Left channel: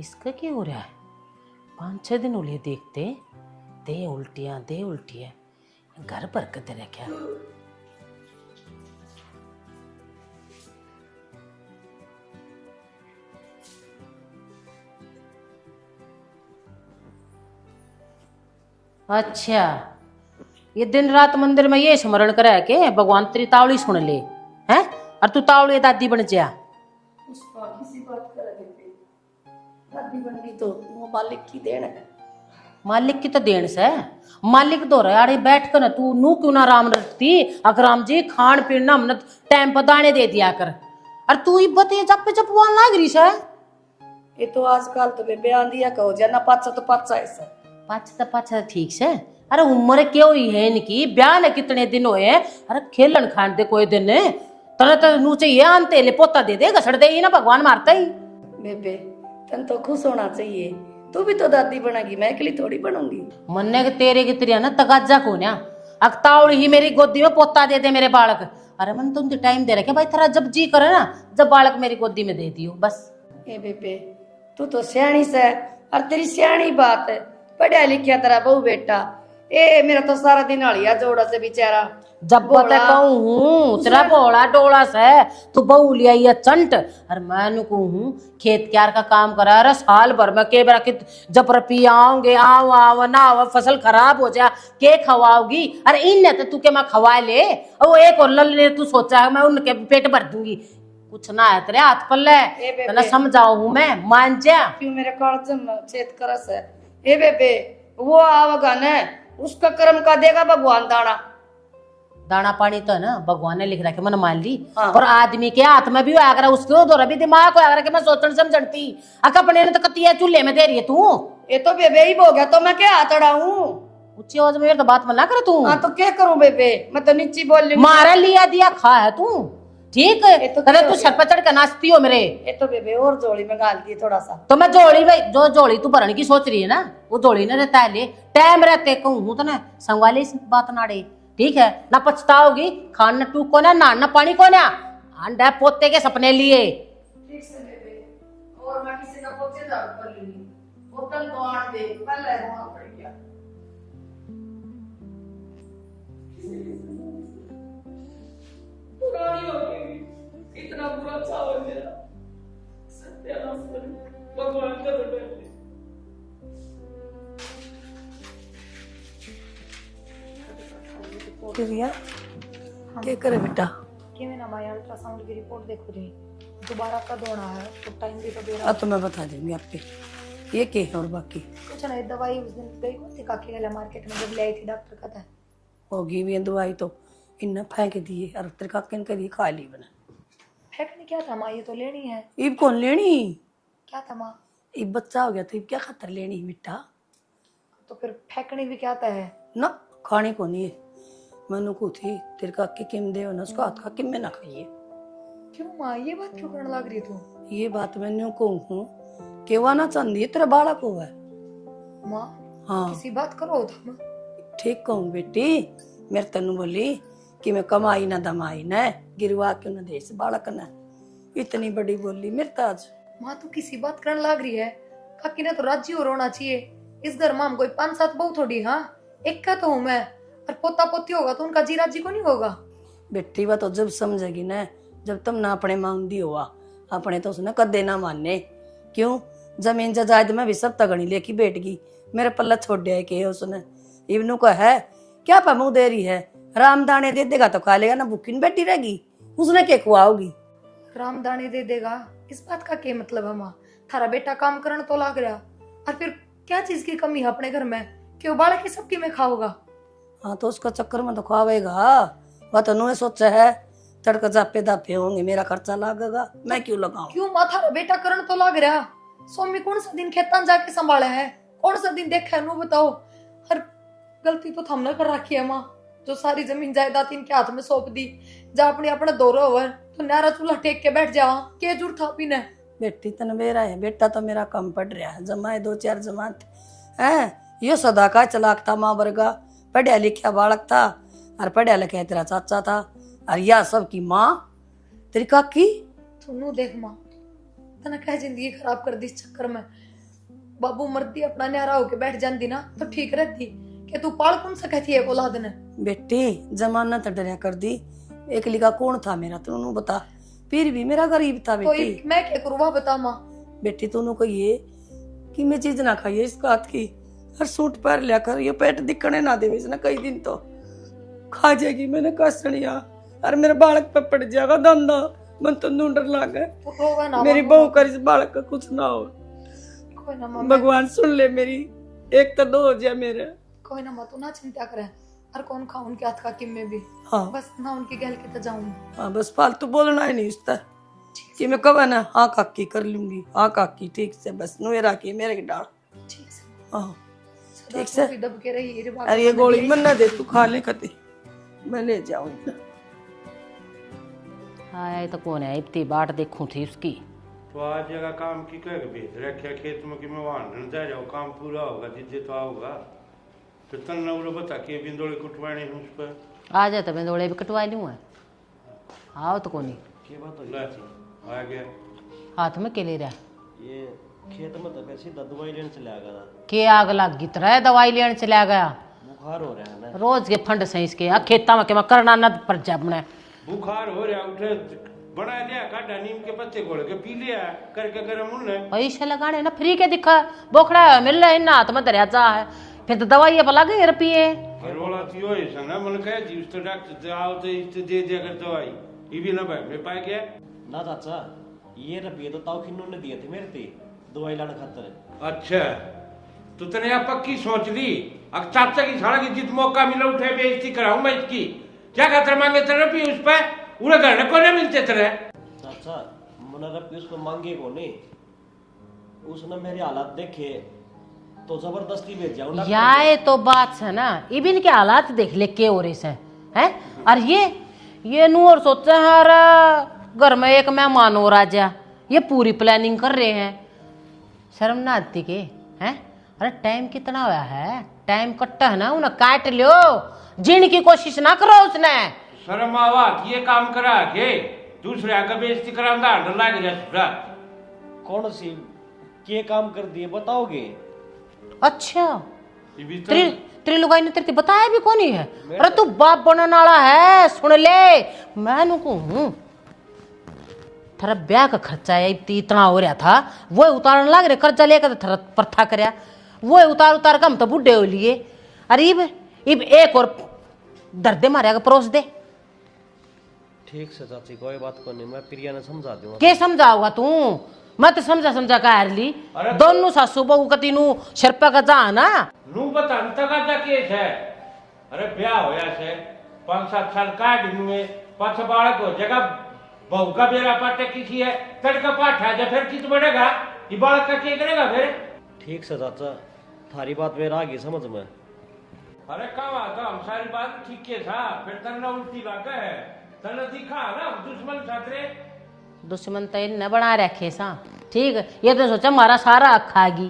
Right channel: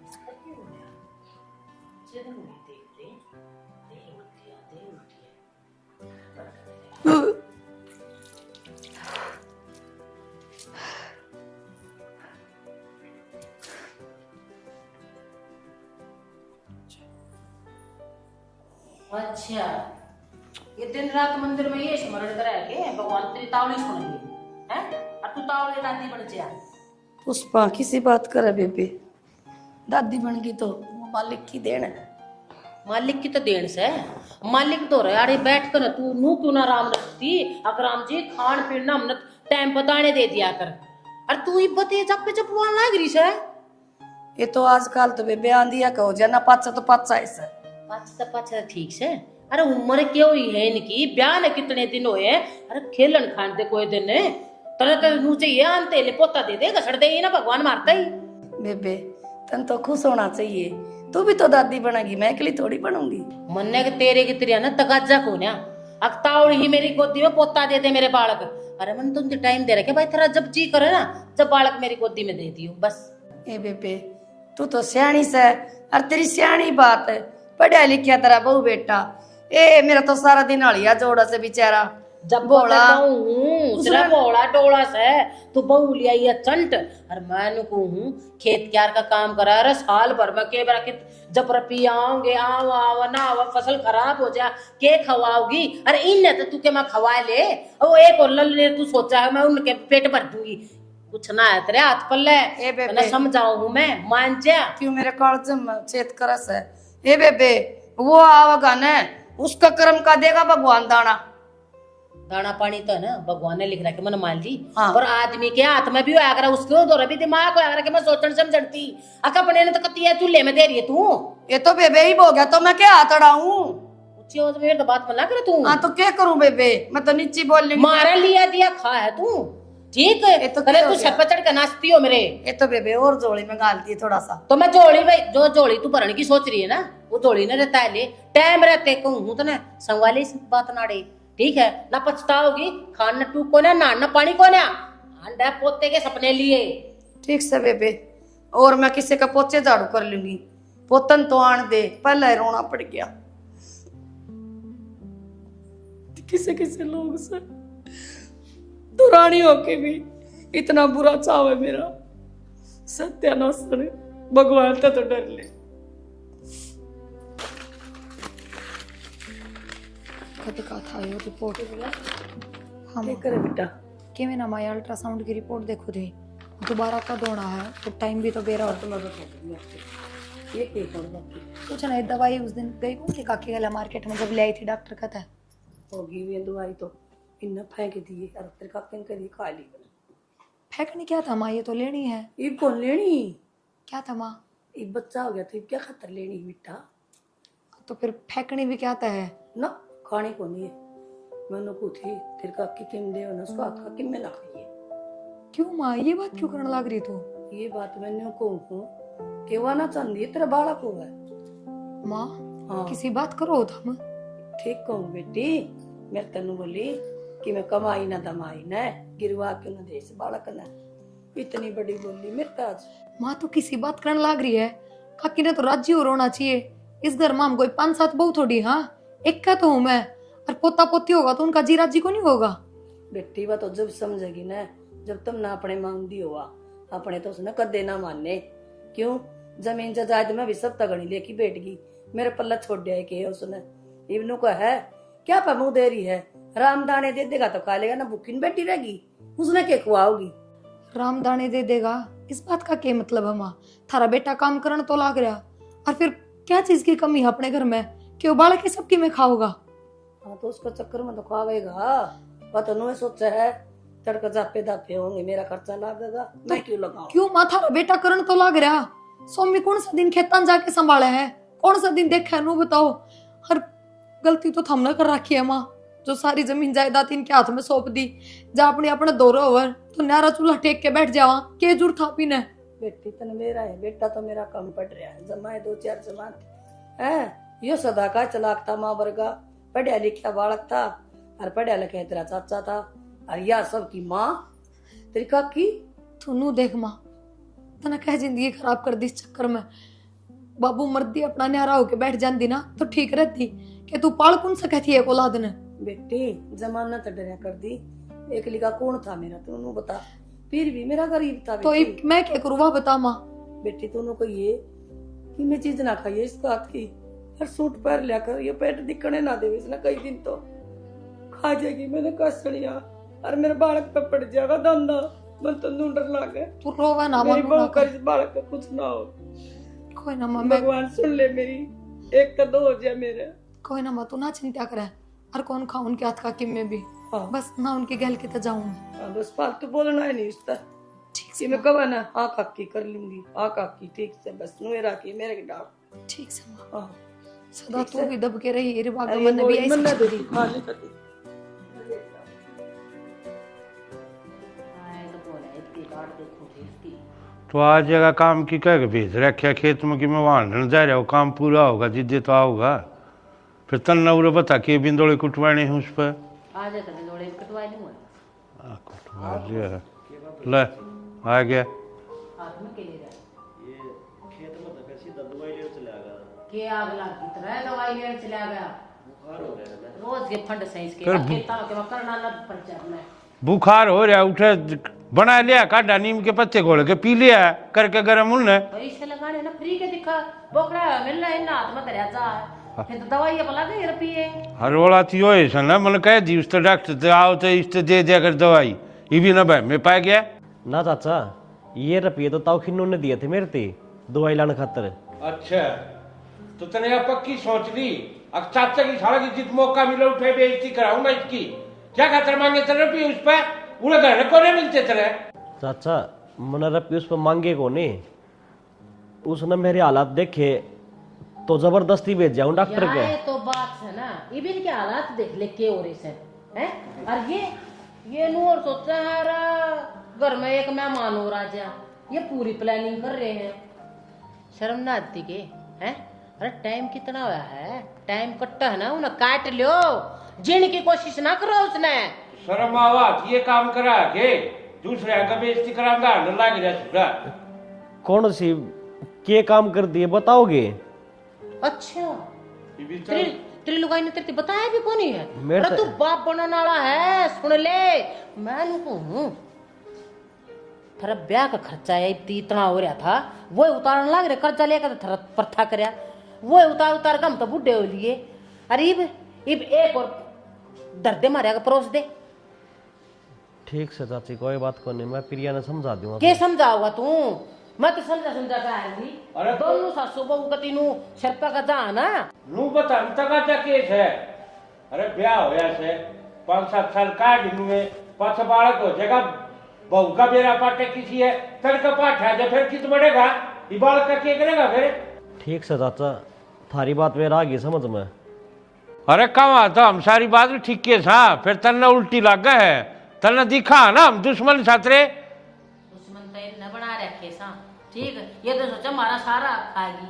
इसका क्या हो रहा है? 5-6 दिन हो लिए देखते, दे उल्टियां घर पर कते रह क्या। अच्छा, ये दिन रात मंदिर में ये स्मरण करे के भगवान तेरी तावड़ी सुन ले हैं, और तू तावड़ी दादी बन जा। पुष्पा किसी बात करे बेबे, दादी बन गई तो वो मालिक की देन है। मालिक की तो देन से मालिक तो रहे अरे बैठ कर तू नू क्यों ना राम रखती। अगर राम जी खान पीना हमने टाइम पर दाने दे दिया कर, और तू ही बते जब पे जब ना गिरी है। ये तो आजकल तो बेबे आंदिया कहो जना पाचा तो पाचा ऐसा पाच ठीक से। अरे उम्र क्यों हुई है इनकी, ब्याह ने कितने दिन हुए हैं। अरे खेलन खान दे कोई दिन तरह तरह नू चाहिए आनते ले पोता दे दे घसड़ दे ना भगवान मारता ही। बेबे तन तो खुश होना चाहिए, तू भी तो दादी बनेगी, मैं अकेली थोड़ी बनूंगी। मन्ने के तेरे की तेरी ना तगाजा को ना अकतावड़ ही मेरी गोदी में पोता दे दे मेरे बालक। अरे मन तुम टाइम दे रखे भाई, तेरा जब जी करे ना जब बालक मेरी गोदी में दे दियो बस। ए बेबे तू तो सियाणी से, और तेरी सियाणी बात है, पढ़ा लिखा तेरा बहु बेटा। ए मेरा तो सारा दिन हलिया जोड़ा से बेचारा जब बोला कहूँ तेरा बोला डोला से तू बहू लिया ये चंट। और मैं कहूँ खेत क्यार का काम करा। अरे साल भर में के बार जब रपी आओगे आओ आओ ना आओ फसल खराब हो जा के खवाओगी। अरे इन तो तू के मैं खवा ले, और एक और लल तू सोचा है मैं उनके पेट भर दूंगी। कुछ ना है तेरे हाथ पल्ले ना समझाओ हूँ मैं मान जा क्यों मेरे कॉलेज में चेत करस है। ए बेबे वो आवेगा ने उसका कर्म का देगा भगवान दाना। दाना पानी तो है ना भगवान ने लिख रखा, मन मान ली। हाँ। और आदमी के हाथ में भी आकर उसके उधर भी दिमाग को आकर के मैं सोचन समझती अपने ने तो कतिया चूल्हे में दे रही है तू। ये तो बेबे ही हो गया तो मैं क्या हाथ अड़ाऊं। ऊंची आवाज में तो बात मना कर तू। हाँ तो क्या करूं बेबे, मैं तो नीची बोल रही मारा लिया दिया खा है तू ठीक है। तो तू सर पर चढ़ कर नाचती हो मेरे। ये तो बेबे और जोड़ी में गाल दी थोड़ा सा। तो मैं जोड़ी में जो जोड़ी तू भरने की सोच रही है ना वो जोड़ी न रहता है ले टाइम रहते कहूँ तो ना संगवाले इस बात नाड़े ठीक है ना पछताओगी। खाना टू को ना नाना पानी को ना अंडा पोते के सपने लिए। ठीक से बेबे, और मैं किसी का पोचे झाड़ू कर लूंगी, पोतन तो आन दे, पहले रोना पड़ गया। किसे किसे लोग से दुरानी होके भी इतना बुरा चाव है मेरा, सत्यानाश करे भगवान तो डर ले। कभी कहा था ये रिपोर्ट हुई है क्या करे बेटा कि मैंने हमारे अल्ट्रासाउंड की रिपोर्ट देखो थी, दोबारा कब होना है तो टाइम भी तो बेरा। अब तो मैं बता दूंगी आपके ये क्या है। और बाकी कुछ नहीं, दवाई उस दिन गई उनकी काकी गला मार्केट में जब ले आई थी डॉक्टर कहता है होगी भी दवाई तो इन्हें फेंक दी और तेरे काके ने करी खा ली बना। फेंकनी क्या था माँ, ये तो लेनी है। इब कौन लेनी, क्या था माँ? इब बच्चा हो गया तो इब क्या खातर लेनी मिट्टा। तो फिर फेंकनी भी क्या था है ना, खाने को नहीं है। मैंने को थी तेरे काके किम दे ना उसका हाथ का किम में ना खाइए। क्यों माँ ये बात क्यों करने लग रही तू? ये बात मैंने कहूँ कि वह ना चांदी तेरा बालक होगा माँ। हाँ किसी बात करो तुम। ठीक कहूँ बेटी, मेरे तनु बोली कि मैं कमाई ना दमाई न गिरवा क्यों न दे बालक न, इतनी बड़ी बोली मेरे ताज। माँ तो किसी बात करने लग रही है, काकी ने तो राजी हो रोना चाहिए। इस घर में हम कोई 5-7 बहू थोड़ी, हाँ एक का तो हूँ मैं, और पोता पोती होगा तो उनका जी राजी को नहीं होगा। बेटी वह तो जब समझेगी ना जब तुम ना अपने मांगदी हुआ, अपने तो उसने कदे ना मानने। क्यों जमीन जायदाद में भी सब तगड़ी लेके बैठ गई, मेरे पल्ला छोड़ दिया कि उसने इवनू का है क्या पा मुँह दे रही है, राम दाने दे देगा तो खा लेगा ना भूखी नहीं बैठी रहेगी, उसने क्या खुआओगी। राम दाने दे देगा इस बात का क्या मतलब है माँ? थारा बेटा काम करने तो लाग रहा, और फिर क्या चीज की कमी है अपने घर में कि वो बालक की सबकी में खाओगा। हाँ तो उसका चक्कर में तो खुआवेगा, वह तो उन्होंने सोचा है तड़का जापे दापे होंगे मेरा खर्चा लागेगा, मैं क्यों लगाऊं। क्यों माँ थारा बेटा करने तो लाग रहा, स्वामी कौन सा दिन खेतन जाके संभाले है, कौन सा दिन देखा है नू बताओ। हर गलती तो हमने कर रखी है माँ, जो सारी जमीन जायदाद इनके हाथ में सौंप दी, जा अपने अपने दौरा ओवर तो न्यारा चूल्हा टेक के बैठ जावा के जुर था पीने। बेटी तन मेरा है, बेटा तो मेरा कम पड़ रहा है, जमाए 2-4 जमात है। यो सदा का चलाक था माँ वर्गा, पढ़िया लिखा बालक था, और पढ़िया लिखा तेरा चाचा था, और यह सब की माँ तेरी काकी। तू नू देख माँ तना कह जिंदगी खराब कर दी इस चक्कर में। बाबू मर्दी अपना न्यारा होके बैठ जाती ना तो ठीक रहती। कि तू पाल कौन सा कहती है औलाद ने। बेटी जमाना तो डरिया कर दी, एक लिखा कौन था मेरा तू बता, फिर भी मेरा गरीब था तो बेटी। मैं क्या करूँ वह बता माँ। बेटी तूने को ये कि मैं चीज ना खाइए इस बात की, हर सूट पर लिया कर, ये पेट दिखने ना दे इसने कई दिन तो खा जाएगी। मैंने कसड़िया और मेरे बालक पे पड़ जाएगा धंधा, मन तो डर लग गए। तू रोवा ना मेरी माँ, बहू कर इस बालक का कुछ ना हो, कोई ना माँ, भगवान सुन ले मेरी, एक तो दो हो जाए मेरे। कोई ना माँ तू ना चिंता करे। और कौन खा उनके हाथ का किम में भी। हाँ बस ना उनके गल के तो जाऊंगी। हाँ, बस फालतू बोलना ही नहीं उसका। कि मैं कब ना हाँ काकी कर लूंगी, हाँ काकी ठीक से, बस नुए राखी मेरे की डाल। ठीक से माँ, हाँ सदा ठीक से। तू भी दब के रही। ये बात अरे ये मैंने गोली भी मन ना ऐसी- दे, तू खा ले कते, मैं ले जाऊंगी। आए तो कौन है, इतनी बाट देखूं थी उसकी। तो आज जगह काम की कह के भेज रखा खेत में कि मैं वहां जा रहा हूँ, काम पूरा होगा जिद्दे तो आओगा। फिर तन्ना उरे बता के बिंदोड़े कुटवाने हैं उस पर। आ जाता मैं दौड़े भी कटवा लूँ। आओ तो कोई ले आ गया। हाथ में के ले रहा ये खेत में तो कैसी दवाई लेने चला गया, के आग लग गई तरह दवाई लेने चला गया। बुखार हो रहा है ना। रोज के फंड सही इसके खेता में के मैं करना न पर जा अपने। बुखार हो रहा उठे बना लिया, काटा नीम के पत्ते घोल के पी लिया करके गरम उन्ने। पैसे लगाने ना फ्री के दिखा बोखड़ा है मिल रहा है ना हाथ में दरिया जा है फिर तो दवाई पर लगे रुपये। हर वाला थी हो ऐसा ना मन कह दी उस तो डॉक्टर तो आओ तो इस तो दे दिया कर दवाई, ये भी ना भाई मैं पा गया। ना चाचा, ये रुपये तो ताऊ खिन्नू ने दिए थे मेरे ते दवाई लाने खातर। अच्छा तो तने अब पक्की सोच ली, अब चाचा की सारा की जित मौका मिला उठे बेइज्जती कराऊं मैं इसकी। क्या खातर मांगे तेरे रुपये उस पे, उन्हें घर को नहीं मिलते तेरे। चाचा मैंने रुपये उस पर मांगे को नहीं, उसने मेरे हालात देखे तो जबरदस्ती भेज जाऊं डॉक्टर ये के। तो बात है ना, इबिन के हालात देख ले के हो रहे से हैं। और ये नू और सोचा है अरे घर में एक मेहमान हो राजा, ये पूरी प्लानिंग कर रहे हैं। शर्म ना आती के हैं। अरे टाइम कितना होया है, टाइम कट्टा है ना, उन्हें काट लो, जीने की कोशिश ना करो उसने। शर्म आवा ये काम करा के दूसरे आगे बेइज्जती करांदा डर लग जा सुरा। कौन सी के काम कर दिए बताओगे? अच्छा तेरी लुगाई ने तेरे बताया भी कौन है। मेरे अरे तू बाप बनने वाला है, सुन ले मैं कहूं थारा ब्याह का खर्चा है इतना हो रहा था, वो उतारने लग रहे कर्जा लेकर थारा प्रथा करया, वो उतार का हम तो बुढ़े हो लिए। अरे इब एक और दर्दे मारेगा परोस दे। ठीक से चाची कोई बात को नहीं, मैं प्रिया ने समझा दूंगा। के समझाओगा तू, मैं तो समझा का हार ली। दोनों सासू बहू का तीनों शर्पा का जा ना नू बता तका जा केस है। अरे ब्याह होया से 5-7 साल काट दूंगे, पाछा बालक हो जाएगा, बहू का बेरा पाटे किसी है तड़का पाठ है फिर कित बढ़ेगा, ये बालक का क्या करेगा फिर। ठीक से चाचा थारी बात मेरा आ गई समझ में। अरे कहाँ तो हम सारी बात ठीक के था, फिर तन्ना उल्टी लग गए है, तन्ना दिखा ना हम दुश्मन छात्रे। दुश्मन तो न बना रखे सा ठीक है, ये तो सोचा हमारा सारा खागी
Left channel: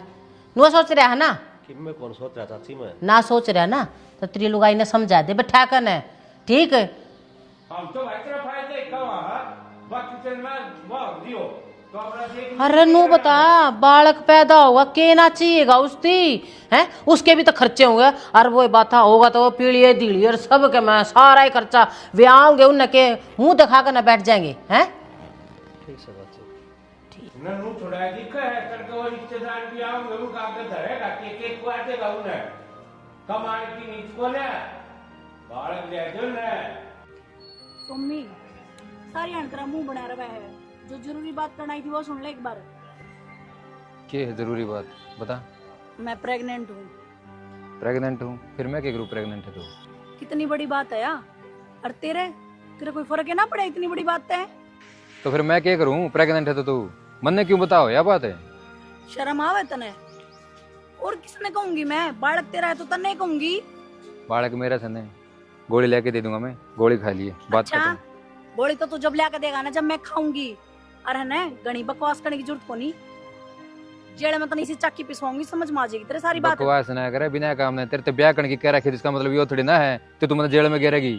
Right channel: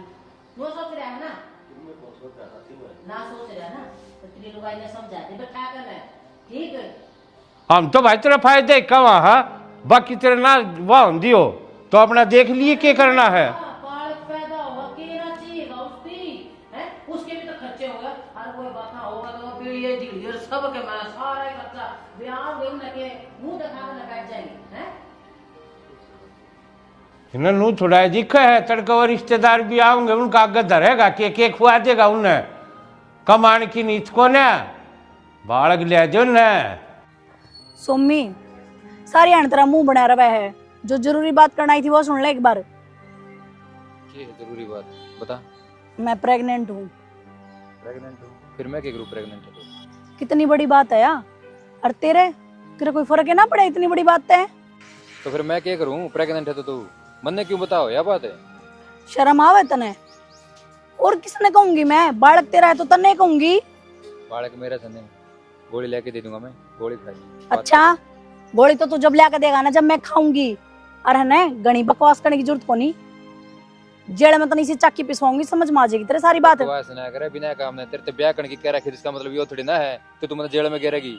नु सोच रहा है ना, कि मैं कौन सोच रहा चाची मैं ना सोच रहा ना तो तेरी लुगाई ने समझा दे बैठा कर है ठीक है। हम तो भाई तेरा फायदे कहाँ है, बाकी तेरे ना वाह दियो तो अपना देख लिए अरे क्या नु करना है। बता बालक पैदा होगा के ना चाहिएगा उसकी है, उसके भी तो खर्चे होंगे। और वो बात होगा तो वो पीढ़ी दीड़ी और सब के मैं सारा ही खर्चा वे आओगे उनके मुंह दिखा कर ना बैठ जाएंगे हैं। इन्हें नू थोड़ा दिखा है तड़का और रिश्तेदार भी आओगे उनका आगे धरेगा के खुआ देगा उन्हें, कमाने की नीत को न बालक ले जो न। सोमी सारी हण तेरा मुंह बना रहा है, जो जरूरी बात करना आई थी वो सुन ले एक बार। क्या है जरूरी बात बता। मैं प्रेग्नेंट हूँ। प्रेग्नेंट हूँ? फिर मैं क्या करूँ प्रेग्नेंट है तो? कितनी बड़ी बात है यार, और तेरे तेरे कोई फर्क है ना पड़े, इतनी बड़ी बात है। तो फिर मैं क्या करूँ प्रेग्नेंट है तो तू मन ने क्यों बताओ या बात है। शर्म आवे तने, और किसने कहूंगी मैं, बालक तेरा है तो तने कहूंगी। बालक मेरा सने गोली लेके दे दूंगा मैं, गोली खा लिए। अच्छा गोली तो तू जब लाके देगा ना जब मैं खाऊंगी, और है ना गणी बकवास करने की जरूरत को नहीं, जेड़ में तनी सी चाकी पिसवाऊंगी समझ में आ जाएगी तेरे सारी बात। बकवास ना करे बिना काम नहीं, तेरे तो ब्याह करने की कह रखी जिसका मतलब ये थोड़ी ना है कि तू मतलब जेल में गिरेगी।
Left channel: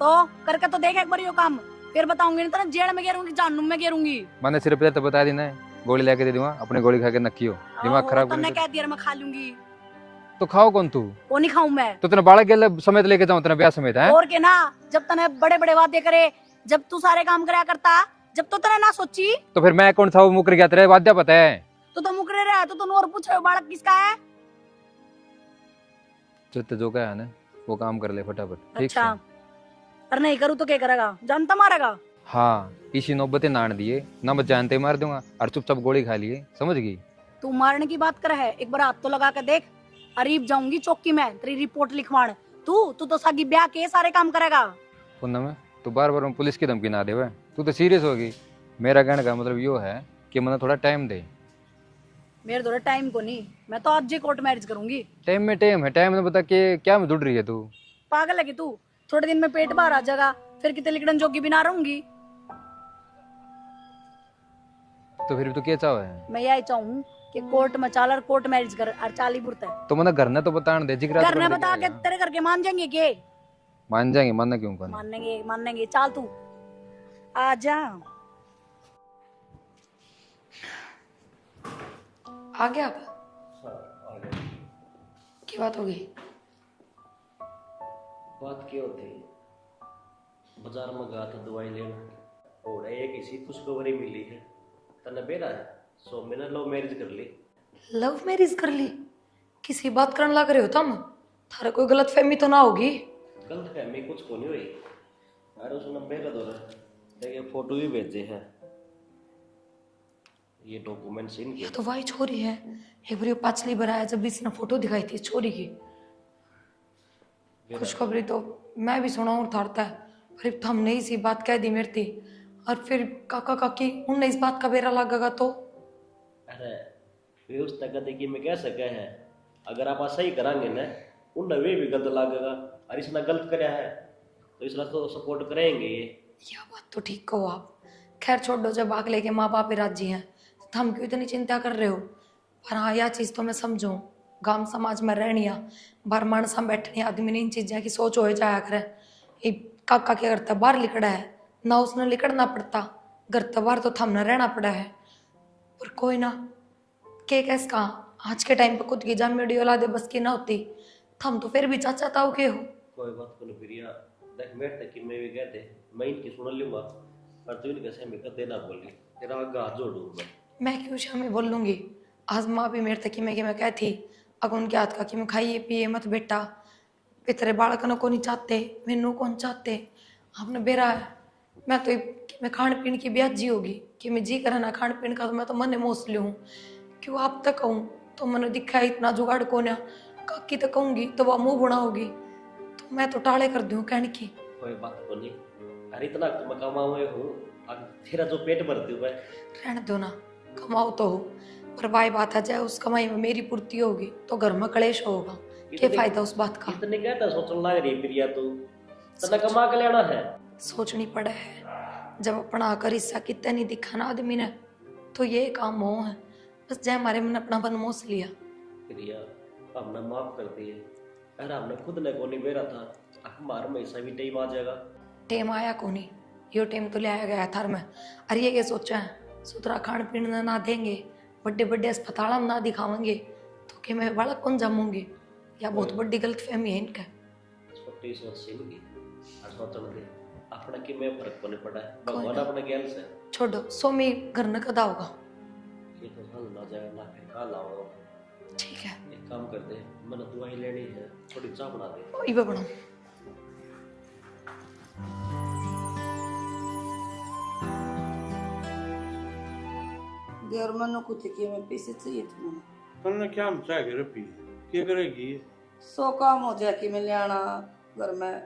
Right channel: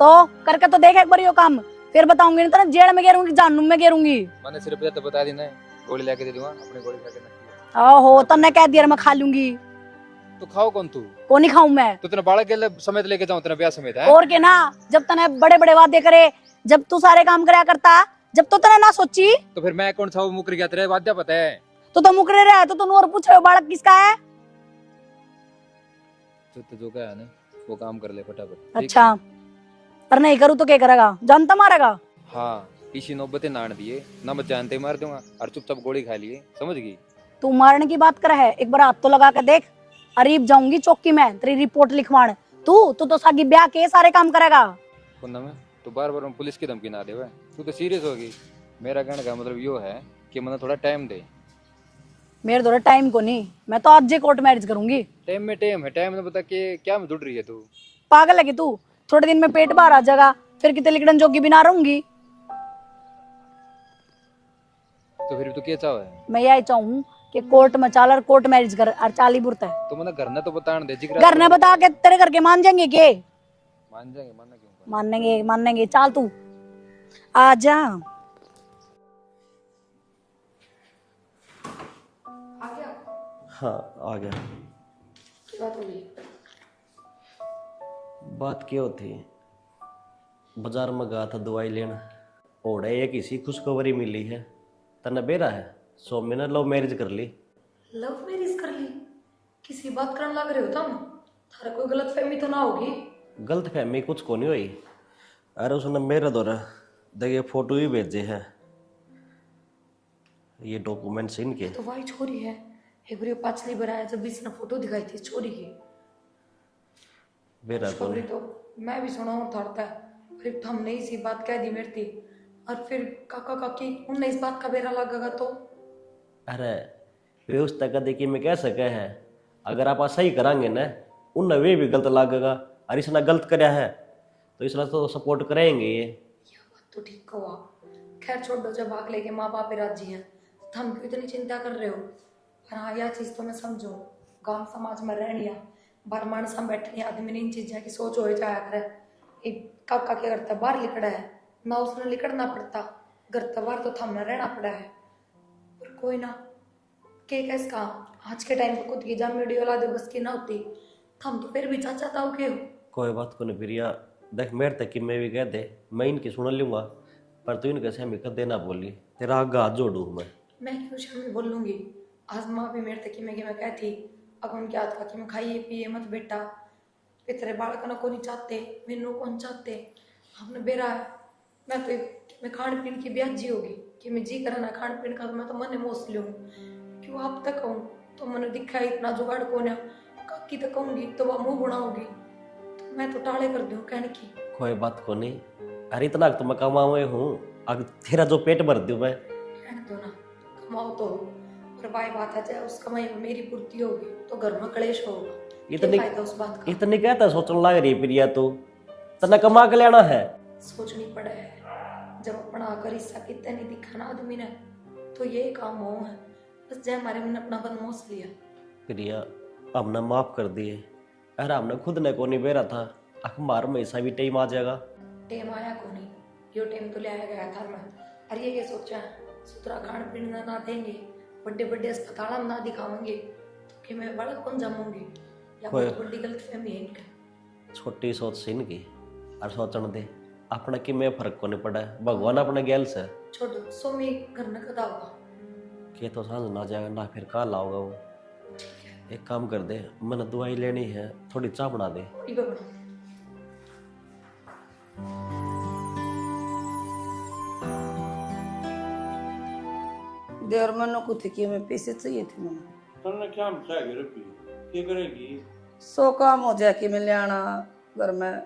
तो करके तो देख एक बार यो काम, फिर बताऊंगी नहीं तेरे जेल में गिरूंगी जानूम में गिरूंगी। मैंने सिर्फ तो बता दी ना गोली लेके दे दूंगा, अपने गोली खा के नक्की हो। ओहो तन्ने कह दिया मैं खा लूंगी। तो खाओ कौन तू? को नहीं खाऊं मैं। तो तेरे बालक के समेत लेके जाऊं, तेरा ब्याह समेत है? और के ना, जब तने बड़े बड़े वादे करे, जब तू सारे काम कराया करता, जब तो तने ना सोची। तो फिर मैं कौन सा मुकर गया? तेरे वाद्या पता है तो मुकरे रहा तो तू और पूछे बालक किसका है। जो का है ना वो काम कर ले फटाफट, ठीक अच्छा है? पर नहीं करूँ तो क्या करेगा? जानता मारेगा। हाँ, किसी नौबते नान दिए ना, मैं जानते मार दूंगा और चुपचाप गोली खा लिए, समझ गई? तू मारने की बात कर है, एक बार हाथ तो लगा के देख। अरीब जाऊंगी चौकी में तेरी रिपोर्ट लिखवाने। तू तो सागी ब्याह के सारे काम करेगा। पूनम तू बार बार पुलिस की धमकी ना दे, तू तो सीरियस होगी। मेरा कहने का मतलब यो है कि मुझे थोड़ा टाइम दे। मेरे थोड़ा टाइम को नहीं, मैं तो आज कोर्ट मैरिज करूंगी। टाइम में टाइम है, टाइम में बता के क्या में जुड़ रही है तू? पागल है कि तू? थोड़े दिन में पेट बाहर आ जाएगा, फिर कितने लिखड़न जोगी भी ना रहूंगी। तो फिर तू क्या चाहो है? मैं यही चाहूँ कि कोर्ट में चाल और कोर्ट मैरिज कर और चाली बुरता है। तो मतलब घर ने तो बताने दे, जिगरा घर ने बता के तेरे घर के मान जाएंगे के? मान जाएंगे, मानना क्यों? कर मानेंगे। चाल तू आ जा। आ गया आप? हाँ आ गया। क्या बात हो गई? बात क्या होती, बाजार में गया था दवाई लेना, ओढ़े एक इसी खुशखबरी मिली है, तने बेरा है सौम्य ने लव मैरिज कर ली। लव मैरिज कर ली? किसी बात करने लग रहे हो तुम? थारे कोई गलत फहमी तो ना होगी? गलत फहमी कुछ को नहीं हुई। अरे उसने मेरे द्वारा देखिए फोटो ही भेजे है, ये डॉक्यूमेंट्स इनके। तो वही छोरी है, एक बार पिछली बार आया जब इसने फोटो दिखाई थी छोरी की। खुशखबरी तो मैं भी सुना और थारता है, फिर हमने इसी बात कह दी मेरे थी, और फिर काका काकी उनने इस बात का बेरा लगेगा तो? अरे व्यवस्था का देखिए मैं कह सके हैं, अगर आप सही करांगे ना उन वे भी गलत लागेगा, और इसने गलत कराया है तो इसने तो सपोर्ट करेंगे ये। यह बात तो ठीक कहो आप। खैर छोड़ो, जब आग लेके माँ बाप राजी हैं तो हम क्यों इतनी चिंता कर रहे हो। पर हाँ यह चीज़ तो मैं समझूँ, गांव समाज में रहनिया बार मानसा बैठनी आदमी ने इन चीज़ें की सोच हो जाया करे। ये काका क्या करता, बाहर लिखड़ा है ना, उसने लिखड़ना पड़ता, घर तो बाहर तो थमना रहना पड़ा है। पर कोई ना, के कैस कहा आज के टाइम पर खुद की जान मेरी औलादे बस की ना होती, थम तो फिर भी चाचा ताऊ के हो। कोई बात को नहीं प्रिया, देख मेरे तक कि मैं भी कह दे, मैं इनकी सुन लूंगा, पर तू इनके से कर देना बोली, तेरा आगा हाथ जोड़ू मैं क्यों शामी बोल लूँगी। आज माँ भी मेरे तक कि मैं कहती अगर उनके हाथ का कि मैं खाइए पिए मत बेटा, तेरे बालक को नहीं चाहते, मैनू कौन चाहते, आपने बेरा है। मैं तो मैं खान पीन की ब्याजी होगी कि मैं जी करा ना खान पीन का, तो मैं तो मन मोस लूँ क्यों आप तक कहूँ तो मैंने दिखा इतना जुगाड़ को ना, काकी तक कहूँगी तो वह मुँह बुना होगी, तो मैं तो टाले कर दूँ कहने की। कोई बात को नहीं, अरे इतना तो मैं कमाए हूँ, अगर तेरा जो पेट भर दूँ मैं। रहने दो ना, कमाओ तो हो, पर भाई बात आ जाए उस कमाई में मेरी पूर्ति होगी तो घर में कलेश होगा, क्या फायदा उस बात का। इतनी कहता सोचने लग रही प्रिया तू, तना कमा के लेना है। सोचनी पड़े है, जब अपना आकर हिस्सा कितने नहीं दिखाना आदमी ने, तो ये काम हो है बस जय हमारे मन अपना बन मोस लिया। प्रिया हमने माफ कर दिए, अरे हमने खुद ने को नहीं बेरा था, अखबार में ऐसा भी टाइम आ जाएगा। टेम आया को नहीं, यो टेम तो लाया गया थर में। अरे ये क्या सोचा है, सुथरा खान पीन ना देंगे, बड़े बड़े अस्पताल ना दिखावेंगे, तो कि मैं बड़ा कौन जमूंगी, या बहुत बड़ी गलत फहमी है इनका। छोटी सोच से इनकी, और सोचने दे अपना कि मैं फर्क को नहीं पड़ा है, भगवान अपने गैल से छोड़ो, सो में घर न कदा होगा के तो सांझ ना जाएगा ना, फिर कहाँ लाओगा वो। ठीक है, एक काम कर दे, मैंने दवाई लेनी है, थोड़ी चाय बना दे। इबे बनाओ। देर मनो कुछ कि मैं पैसे चाहिए थे मैंने, हमने क्या मचा के रपी क्या करेगी? 100 काम हो जाए कि मैं ले आना घर में।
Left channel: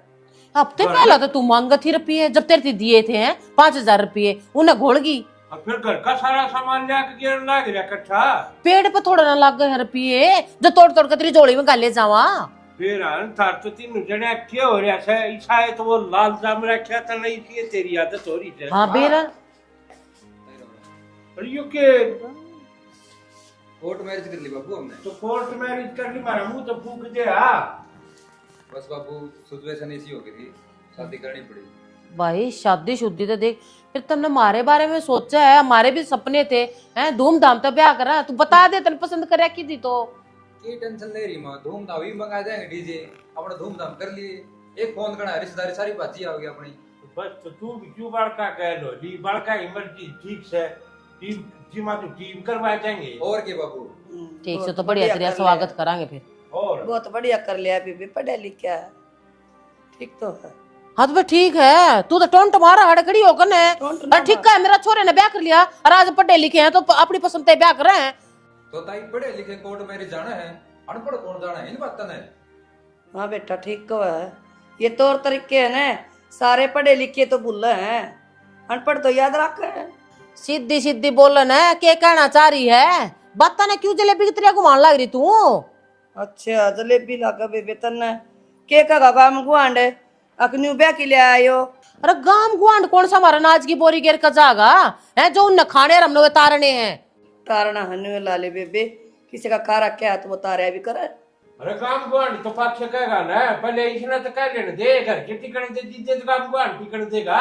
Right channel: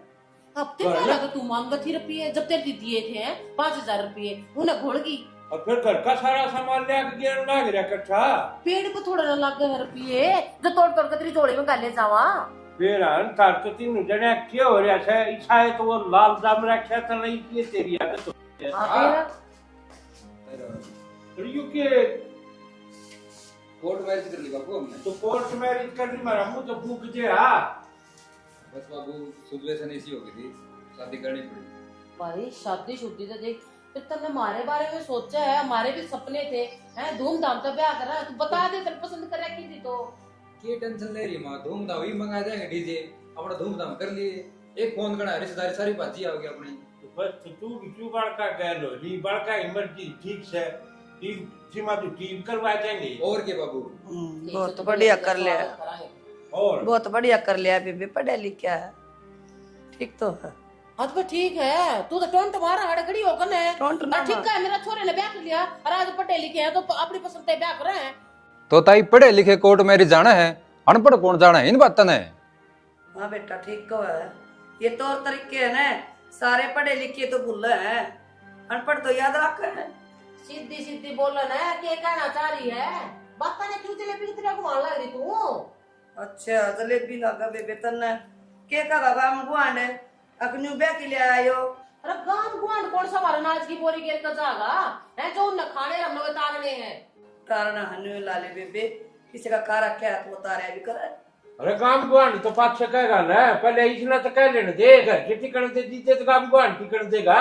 हफ्ते पहला तो तू मांगा थी रुपये, जब तेरे दिए थे 5,000 रुपये, उन्हें घोड़ गई। और फिर घर का सारा सामान ले के गिरन लग रहा इकट्ठा। पेड़ पे थोड़ा ना लग गए रुपये, जो तोड़ तोड़ के तेरी झोली में गाले जावा। फिर तार तो तीन जने क्या हो रहा है, इच्छा है तो वो लाल जाम रखा था नहीं थी, तेरी आदत हो रही है। हाँ बेरा और यू के कोर्ट मैरिज कर ली बाबू हमने, तो कोर्ट मैरिज कर ली, मारा मुंह तो फूक दे। हाँ बस बाबू सिचुएशन इसी हो गई थी, शादी करनी पड़ी। भाई शादी शुद्धि तो देख, फिर तुमने हमारे बारे में सोचा है? हमारे भी सपने थे, हैं धूमधाम तो ब्याह करा। तू बता दे तेन पसंद करे की थी तो। की टेंशन ले रही माँ, धूमधाम ही मंगा देंगे डीजे, अपना धूमधाम कर लिए। एक फोन करना, रिश्तेदारी सारी बाजी आ गई अपनी। बस तो तू भी क्यों बड़का कह लो ली, बड़का इमरजेंसी ठीक से टीम सीमा तू टीम करवा देंगे। और के बाबू ठीक से बहुत तो बढ़िया कर तेरा लिया। स्वागत करांगे फिर। और बहुत बढ़िया कर लिया बेबे, पढ़े लिखे है, ठीक तो है। हाँ तो फिर ठीक है, तू तो टोंट मारा हड़कड़ी होकर ने। टोंट और ठीक है, मेरा छोरे ने ब्याह कर लिया और आज पढ़े लिखे हैं तो अपनी पसंद से ब्याह कर रहे हैं। तो ताई पढ़े लिखे कोर्ट मैरिज जाना है, अनपढ़ कौन जाना है इन बातों ने। हाँ बेटा ठीक तो है, ये तौर तरीके है ना, सारे पढ़े लिखे तो भूल हैं, अनपढ़ तो याद रख है। सीधी सीधी बोलन है, क्या कहना चाह रही है? बात ने क्यों जलेबी की तरह घुमान लग रही तू? अच्छा जलेबी लागा बेबे तन्ने के का काम गुआंड अखन्यू ब्याह के लिए आयो। अरे गांव गुआंड कौन सा हमारा नाच की बोरी गिर का जागा है जो उन खाने रमने हुए तारने हैं। तारना हन्यू लाले बेबे, किसी का कारा क्या तो वो तारे भी करे। अरे काम को आने तो पाँच से कहेगा ना, पहले इसने तो कह लेने दे, घर के टिकट दे दीजिए तो काम को आने टिकट देगा।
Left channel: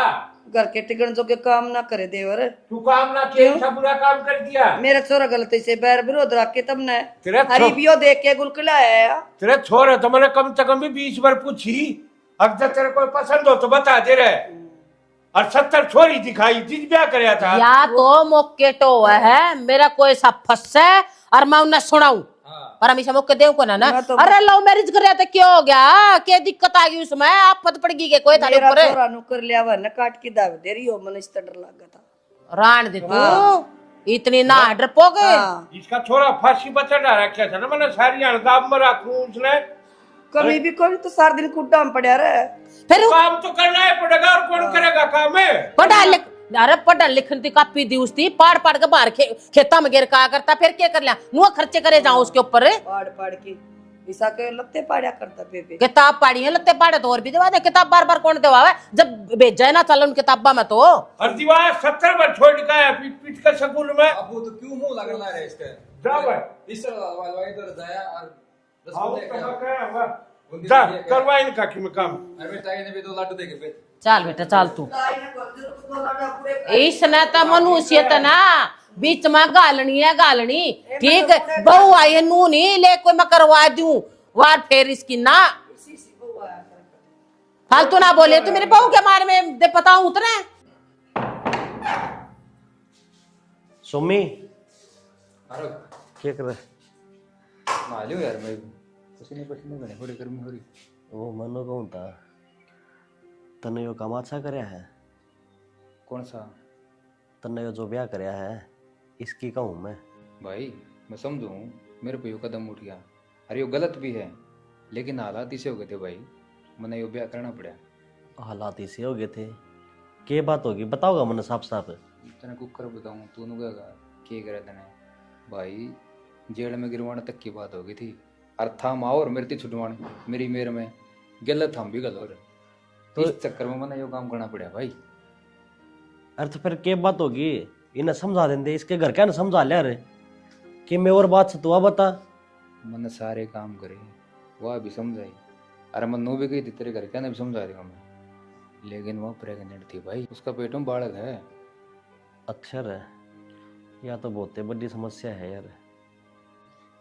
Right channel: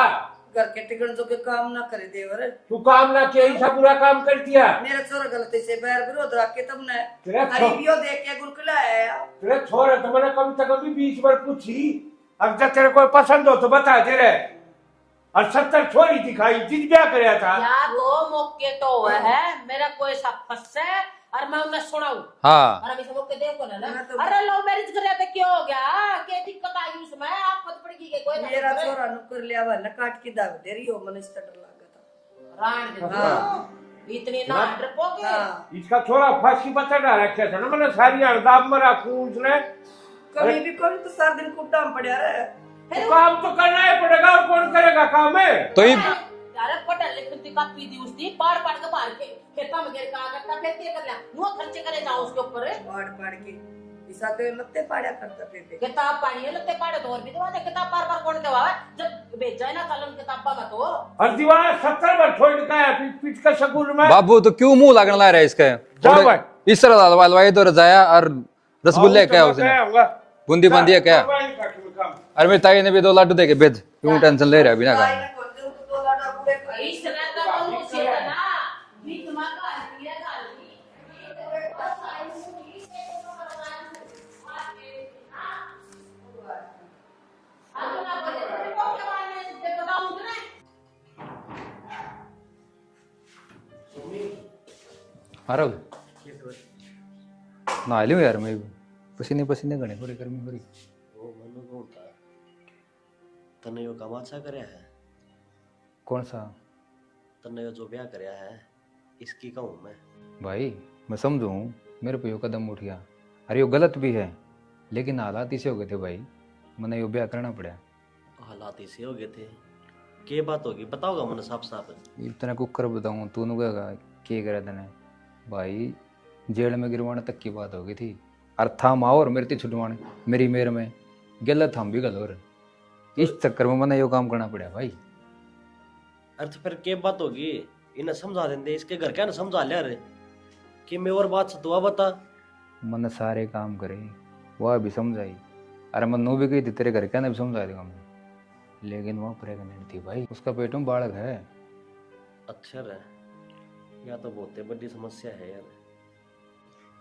घर के टिकट जो के काम ना करे देवर, तू काम ना किया, ऐसा बुरा काम कर दिया। मेरा छोरा गलती से बैर विरोध रख के तुमने तेरा हरीबियो देख के गुलकुला है। तेरे छोरे तो मैंने कम से कम भी 20 बार पूछी, अब जब तेरे को पसंद हो तो बता दे रहे। और 70 छोरी दिखाई जिस ब्याह कराया था। या तो मौके तो है मेरा कोई सा फंस है और मैं उन्हें सुनाऊं। हाँ और हमेशा मौके देव को ना मैं तो- अरे लव मैरिज कर रहा था क्या हो गया, क्या दिक्कत आ गई उसमें? आप पत पड़ गई के कोई थाने मेरा ऊपर छोरा नुकर लिया हुआ न काट की दाव दे रही हो, मन इस डर लगा था। रान दे तू इतनी ना डरपोगे। हाँ, इसका छोरा फांसी पर चढ़ा रखा था ना, मैंने सारी अलगाम में रखूं उसने। कभी भी कोई तो सारा दिन कुड्डा में पड़ा रहे। फिर काम तो करना ही पड़ेगा, और कौन करेगा काम है? अरे पढ़ लिखन की कापी दी उसकी पाड़ पाड़ के बाहर खेता में गिर का करता, फिर क्या कर लिया नुआ खर्चे करे जाऊं उसके ऊपर। पाड़ पाड़ के ईसा के लत्ते पाड़ा करता बेबे। किताब पाड़ी है लत्ते पाड़े तो और भी दवा दे, किताब बार बार कौन दवा जब भेजा है ना चल उन किताबा में तो। और दीवार 70 बार छोड़ का है पीट पीट के स्कूल में। बाबू तो क्यों मुंह लगने ला रहा है इसके? जाओ भाई। इस तरह हलवाई तो रजाया और रसगुल्ले क्या उसने बूंदी बांधी क्या? अरे मेरी ताई ने भी 2 लाडू दे के भेज, तू टेंशन ले रहा है बिना काम। इसने तो मनुष्य ना बीच में गालनी है गालनी, ठीक है बहू आई है नू नहीं ले कोई मैं करवा दूं वार फेर इसकी ना फालतू ना बोले तू मेरे बहू के बारे में दे पता उतरे। सुमी अरे क्या कर रहे? ना लियो यार, मैं पसीने पसीने घने हो रही, गर्मी हो रही। वो मनो कौन था तने यो काम अच्छा करया है? कौन सा? तने यो जो ब्याह करया है इसकी कहूँ मैं। भाई मैं समझू मेरे पे यो कदम उठ गया, अरे यो गलत भी है लेकिन हालात इसे हो गए थे भाई, मैंने यो ब्याह करना पड़ा। हालात इसे हो गए थे, के बात होगी बताओगा मैंने साफ साफ। इतना कुकर बताऊँ तू नुगा के करे तने भाई, जेल में गिरवाने तक की बात हो गई थी। और थाम आओ और मेरे छुटवाने मेरी मेर में गलत हम भी गलत, तो इस चक्कर में मैंने यो काम करना पड़ा भाई। अरे तो फिर के बात होगी, इन्हें समझा देंगे, इसके घर क्या ना समझा लिया रे कि मैं और बात से तू बता। मैंने सारे काम करे वह भी समझाई, अरे मैं नो भी गई थी तेरे घर क्या ना भी समझा देगा मैं, लेकिन वह प्रेग्नेंट थी भाई, उसका पेट में बालक है। अक्षर है या तो बहुत बड़ी समस्या है यार।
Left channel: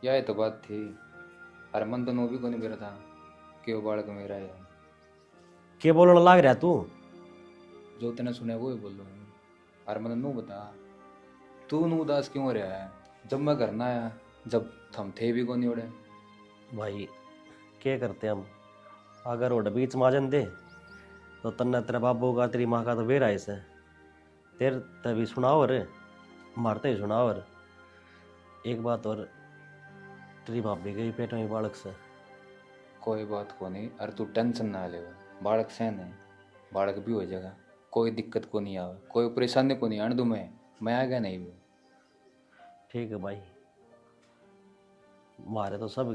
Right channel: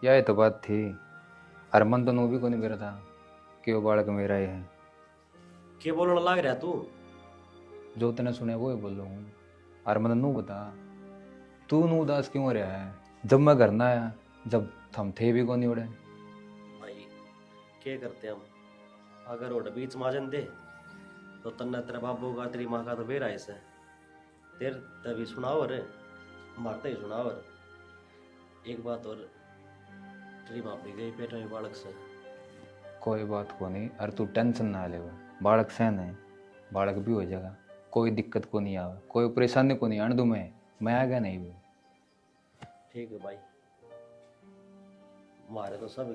यह तो बात थी, अरे मन तो नो भी को नहीं मेरा था कि वो बालक मेरा ही है। के बोलने लग रहा तू? जो तूने सुने वो ही बोल रहा हूँ। अरे मैंने नू बता तू नू उदास क्यों रहा है? जब मैं घर ना आया, जब थम थे भी को नहीं उड़े भाई क्या करते हम, अगर वो बीच माजन दे तो तन्ना तेरा बाबू का तेरी माँ का तो बेरा ऐसे तेरे तभी सुनाओ रे, मारते ही सुनाओ। और एक बात और, तेरी भाभी गई पेट में बालक से। कोई बात को नहीं, अरे तू टेंशन ना ले, वो बालक से नहीं, बालक भी हो जाएगा, कोई दिक्कत को नहीं आवा, कोई परेशानी को नहीं आने दूँ मैं आ गया नहीं वो। ठीक है भाई, मारे तो सब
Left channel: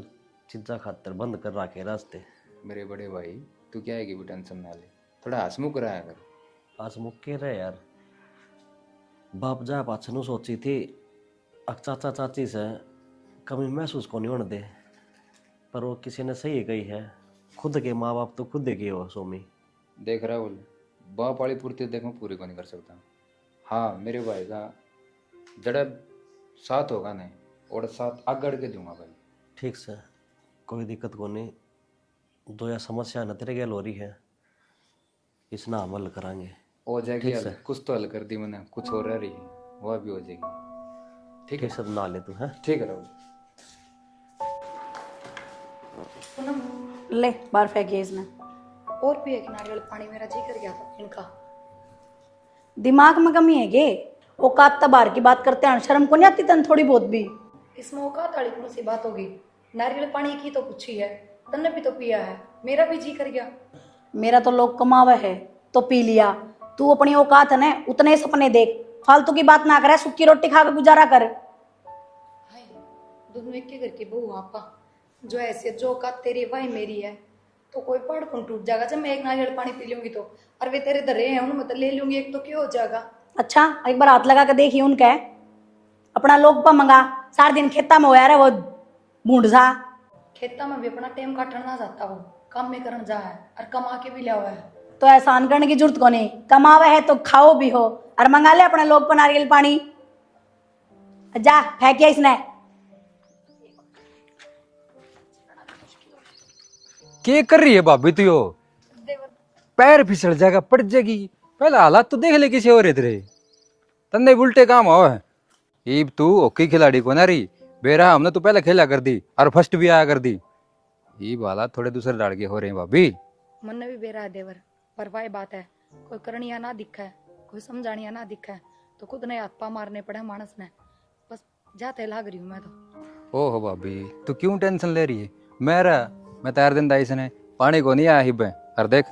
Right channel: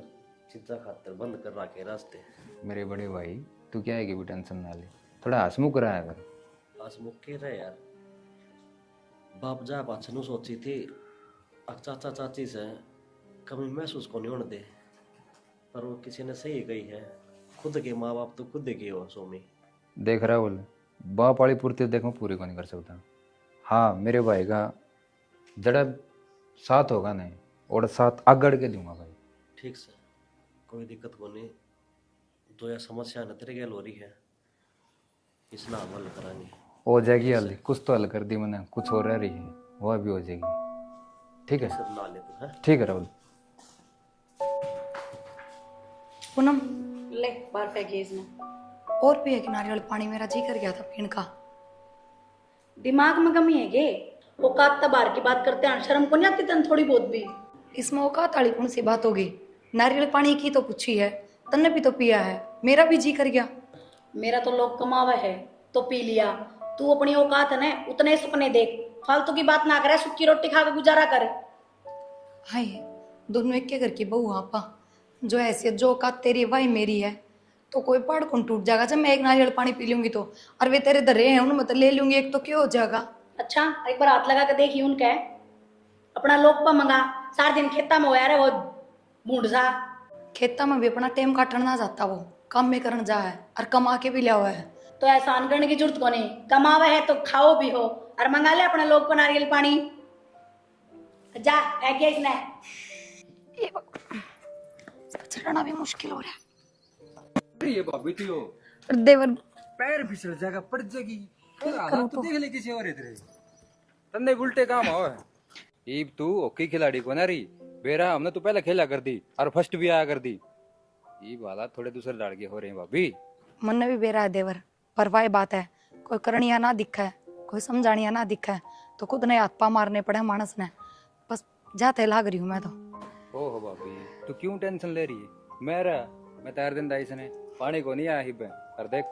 चीज़ा खातर बंद कर रखे रास्ते। मेरे बड़े भाई तू क्या है कि भी टेंशन ना ले, थोड़ा हंसमुख रहा कर। आज मुक्के रहे यार, बाप जा पाछनू सोची थी चाचा चाची से कभी महसूस को नहीं होने दे, पर वो किसी ने सही कही है, खुद के माँ बाप तो खुद के हो सोमी। देख रहा बोल बाप वाली पूर्ति देख मैं पूरी को नहीं कर सकता, हाँ मेरे भाई का जड़ा साथ होगा नहीं और साथ आगड़ के दूंगा भाई। ठीक से, कोई दिक्कत को नहीं। दो या समस्या न तेरे गैल हो रही है, इसना हम हल करांगे। हो जाएगी हल, कुछ तो हल कर दी मैंने, कुछ हो रह रही है वह भी हो जाएगी। ठीक है, सब ना ले तू है। ठीक है राहुल। पूनम ले बाहर फेंकिए इसने। और पिए कि नारियल पानी, मेरा जी कर गया था पीने का। दिमाग में कमी है गे, औकात बाहर की बात करते हैं, शर्म को नहीं आती तन थोड़ी बहुत भी? इसमें औकात वाली कौन सी बात होगी? नारियल पानी की तो पूछी है, तन्ने भी तो पिया है, मेरा भी जी कर गया। मेरा तो लोग कमावा है तो पी लिया, तू अपनी औकात है ना उतने सपने देख, फालतू की बात ना करे, सूखी रोटी खा के गुजारा कर। हाय, दोनों एक के घर की बहू आपा, जो हैसियत जो औकात तेरी वही मेरी है, तो कोई पहाड़ कौन टूट जाएगा जब मैं एक नारियल पानी पी लूंगी तो? और वे तेरे दर्रे हैं उनमें तो ले लूंगी एक, तो क्यों हो जाएगा? अच्छा एक बार हाथ लगा के देखिए उनका है अपना लोग पर मंगा, सारे दिन खेता में होया रे वो बूढ़ा। खेता में भी अपना टाइम काटना ना जाता, वो काम में करन जा है और कमा के भी लिया हुआ है। तो एहसान करने की जरूरत को नहीं, कमावा है तो खाओ भी हो और मंगा ले अपने लोग पर नारियल पानी। जा फेंकिए इसने। चढ़ना भी मुश्किल हो रहा है। क्या कर रही है भाभी तू? यो देवर पैर फिसल जाएगा, पड़ जाएगी। पहले हालात तो देख ले किसी और तेरे, तन्ने उल्टे काम हो है। ईब तू हॉकी खिलाड़ी को ना रही बेरा, हमने तो पहले खेला कर दी और फर्स्ट भी आया कर दी। ईब हालात थोड़े दूसरे डाल के हो रहे हैं भाभी। मन में भी बेरा है देवर, पर वही बात है, कोई करनिया ना दिखा है, कोई समझानिया ना दिखा है, तो खुद ने हाथ पा मारने पड़े मानस ने। बस जाते लाग रही हूँ मैं तो। ओहो भाभी तू क्यों टेंशन ले रही है? मैं तैयार दिन दाई ने पानी को नहीं आया हिब और देख